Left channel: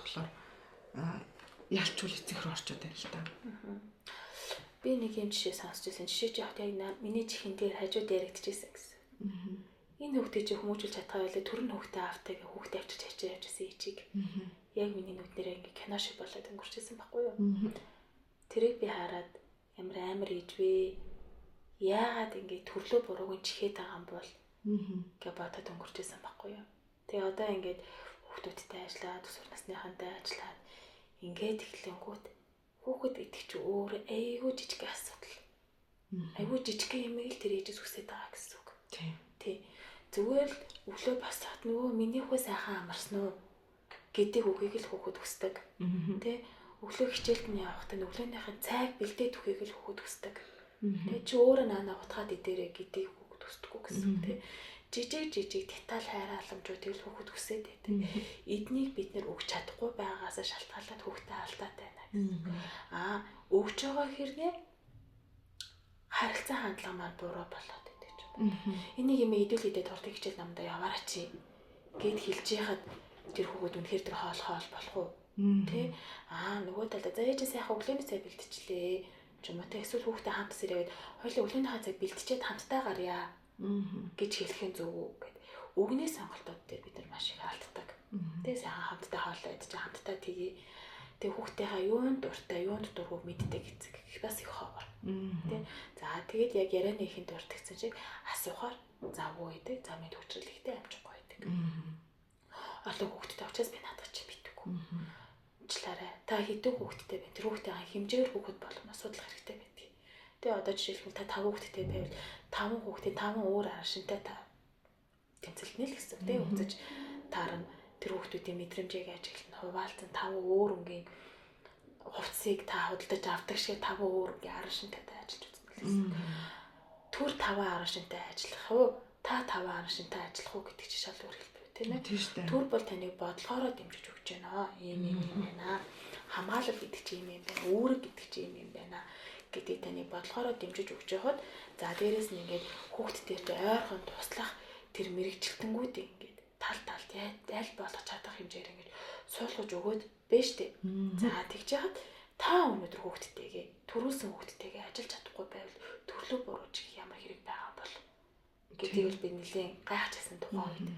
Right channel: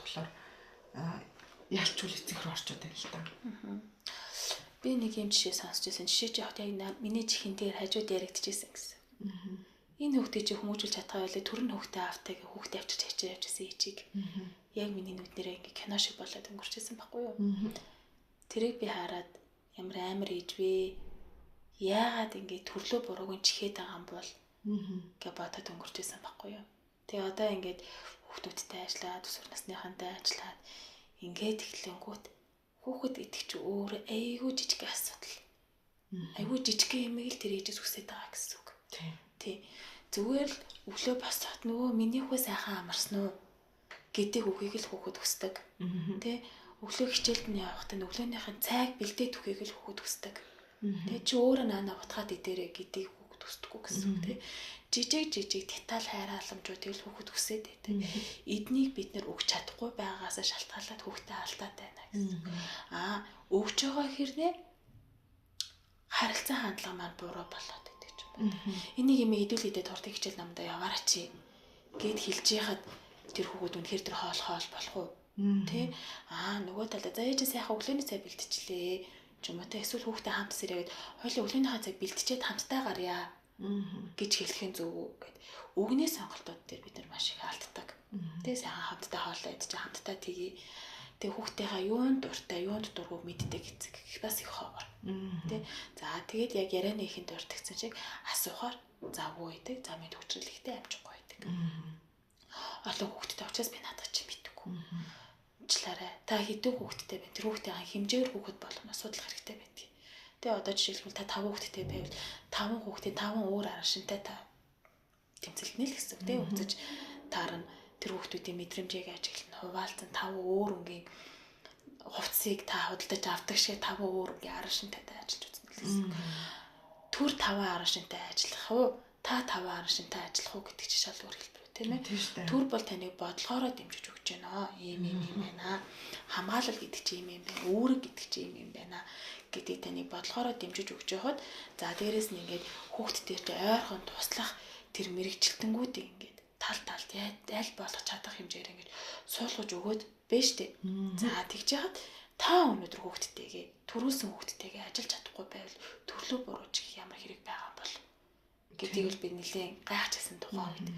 болохоор ялчгүй эцэг рүү орчод байна л та. Би нэг юм жишээ сонсч байсан. Жишээ чи яг миний чихэн дээр хажууд яригдчихсэн гэсэн. Энэ хүүхдээ чи хүмүүжүүлж чадхаа байлаа төр нь хүүхдээ автайг хүүхдээ авчирч хачиж явжсэн ичиг. Яг миний нүднэрээ ингээ кино шиг болоод өнгөрчээсэн байхгүй юу? Тэрийг би хараад ямар амар ээж вэ? Яагаад ингээ төрлөө бурууг чихээд байгаа юм бол гэ бодоод өнгөрчээсэн байхгүй юу? Тэгээ одоо ингээд хүүхдүүдтэй ажиллаад өсвөр насныхантай ажиллаад ингээд эхлэнгүүт хүүхэд гэдэг чи өөр айгүй жижиг асуудал. Айгүй жижиг юм л тэр ээжээс үсээд байгаа гэсэн үг. Тий. Зүгээр л өглөө босоод нөгөө миний хүү сайхан амарсан уу гэдэг үгийг л хүүхэд хүсдэг. Тий. Өглөө хичээлд нь явахдаа өглөөнийхэн цайг бэлдээд үхийг л хүүхэд хүсдэг. Тий. Чи өөрөө наана утгаад идээрэй гэдгийг хүүхэд хүсдэггүй гэсэн үг. Тий. Жижиг деталь хайрааламжуудыг л хүүхэд хүсээд байдаг. Эднийг бид нэр өгч чадахгүй байгаагаас шалтгаалаад хүүхдэд алдаад байна гэсэн. Өгч байгаа хэрнээ харилцаа хандлага маань буруу болоод байдаг ч юм байна. Энийг юм идэвхтэй туртыг хичээл намдаа яваараа чи гэд хэлж яхад тэр хүүхэд үнэхээр тэр хоол болох уу? Тэ? Нөгөө талаа за ээж сайхан өглөөний цай бэлтчихлээ. Ч юм уу тэ эсвэл хүүхдээ хамт сэрээд хоёул өглөөнийхөө цай бэлтчихэд хамтдаа гарья. Гэж хэлэхин зөв үү гэд. Өгний сонголтууд дээр бид нар маш их алддаг. Тэ сайхан хамтдаа хоолоо идэж хамтдаа тгий. Тэг хүүхдийнхаа юунд дуртай, юунд дургуй мэддэг эцэг их бас их ховор. Тэ. За тэгээд яг ярианыхын дуртагсан чиг асуухаар завгүй байдаг. За мэд хүчрэлхтэй амжихгүй байдаг. Олон хүүхдэд очиас би надад чи битггүй. Уучлаарай. Та хэдэн хүүхэдтэй байна? Тэр хүүхдийн хэмжээгээр хүүхэд болгоно асуудал хэрэгтэй байдаг. Тэгээ одоо жишээлбэл та 5 хүүхэдтэй байвал 5 хүүхдээ 5 өөр арашинтай та тэмцэлнэ л гэсэн үг тийм үзэж таарна тэр хүүхдүүдийн мэдрэмжийг ажиглан хуваалцсан 5 өөр өнгийн хувцсыг та худалдаж авдаг шиг 5 өөр өнгийн арашинтайтай ажиллаж үзнэ гэсэн. Түр 5 арашинтай ажиллах уу? Та 5 арашинтай ажиллах уу гэдэг чинь шал өөр хэлбэр тийм ээ. Түр бол таныг бодлогоороо дэмжиж өгч байна. Ийм байна. Хамгаалал гэдэг чинь ийм байна. Үүрэг гэдэг чинь ийм байна гэдэг таныг бодлогоороо дэмжиж өгч байхад за дээрэс нь ингээд хүүхдтэй ойрхон туслах тэр мэрэгчлэлтэнгүүдийг ингээд талд аль болгох чадах хэмжээр ингээд суулгаж өгөөд байна штэ. За тэгж яхад та өнөөдөр хүүхдтэйгээ төрүүлсэн хүүхдтэйгээ ажиллаж чадахгүй байвал төрлөө бурууч ямар хэрэг байгаа бол гэдгийг л би нэлээд гайхажсэн тухайн үед